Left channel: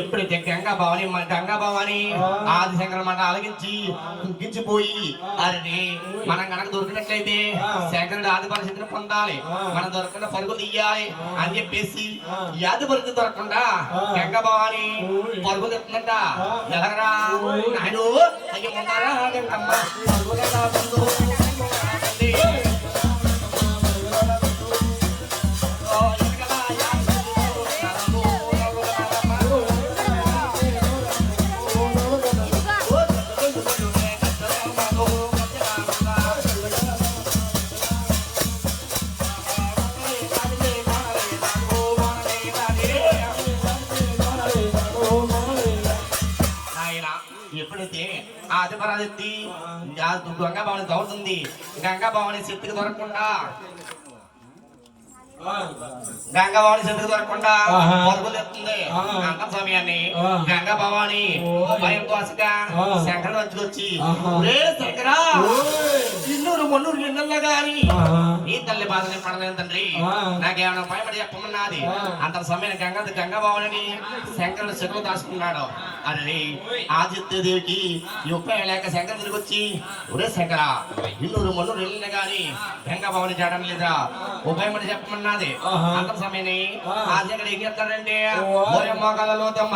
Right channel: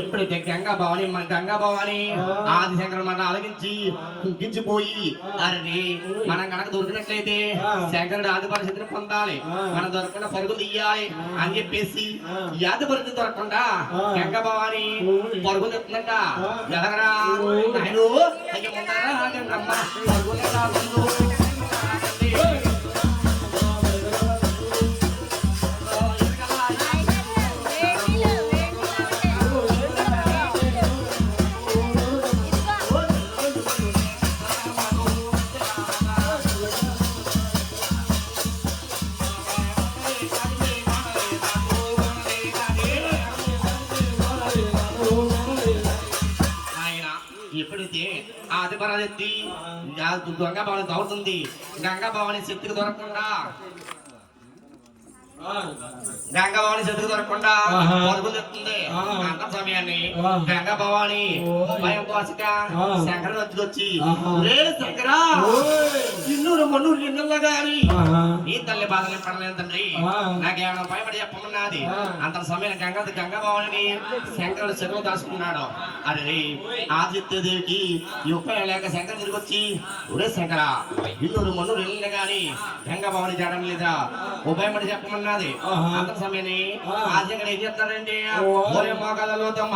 ఎప్పుడైతే గంగా భవాని ఆదిశంకర మంట అలగించి కుంకించిపోయి అరే మనం కనుక దొరికినట్లయితే శంకరుడు ఆది పరిస్థితిని పొందాలి, మనం దొరకకుండా పరుగులు తీయాలి అని చెప్పేసి ఆది పరిస్థితి దొరకకుండా గంగా భవాని పరుగులు ఎత్తుందంట. ఎలాగరా నాయుడు అయ్యి ఉంటారా గంగమ్మ ఎప్పుడైతే ఆది పరాజెత్తి గంగా భవాని దౌడుతుంది, గంగా భవాని శక్తికి దొరకకుండా పరుగులు ఎత్తుంది. అంత సమయాన్ని గంగా భవాని భయంతో శంకర వచ్చి శంకరా ఇన్నూరు మొన్నూరు ఎన్నెల్లో గాని ఈ తల్లి బాధని పడలేను తండ్రి, నాకేమైనా భయపడి చెప్పమన్నది. అంత సమయం గంగా భవాని శంకరుడు చెరువు దాచుకున్నాడు. అరే ఆదిత్యదేవికి ఈ ఉపాయం లేక శంకర్ తిరిగి వచ్చి ఒరే శంకర ఇన్నూరు మొన్నూరు ఎన్నెల్లో గాని గంగా భవాని చేయడం లేదా ఉపాయం చెప్పమన్నా. అంత సమయాన్ని ఆశంకర్ ఏం చెప్తాడంటే మోకలలో తమ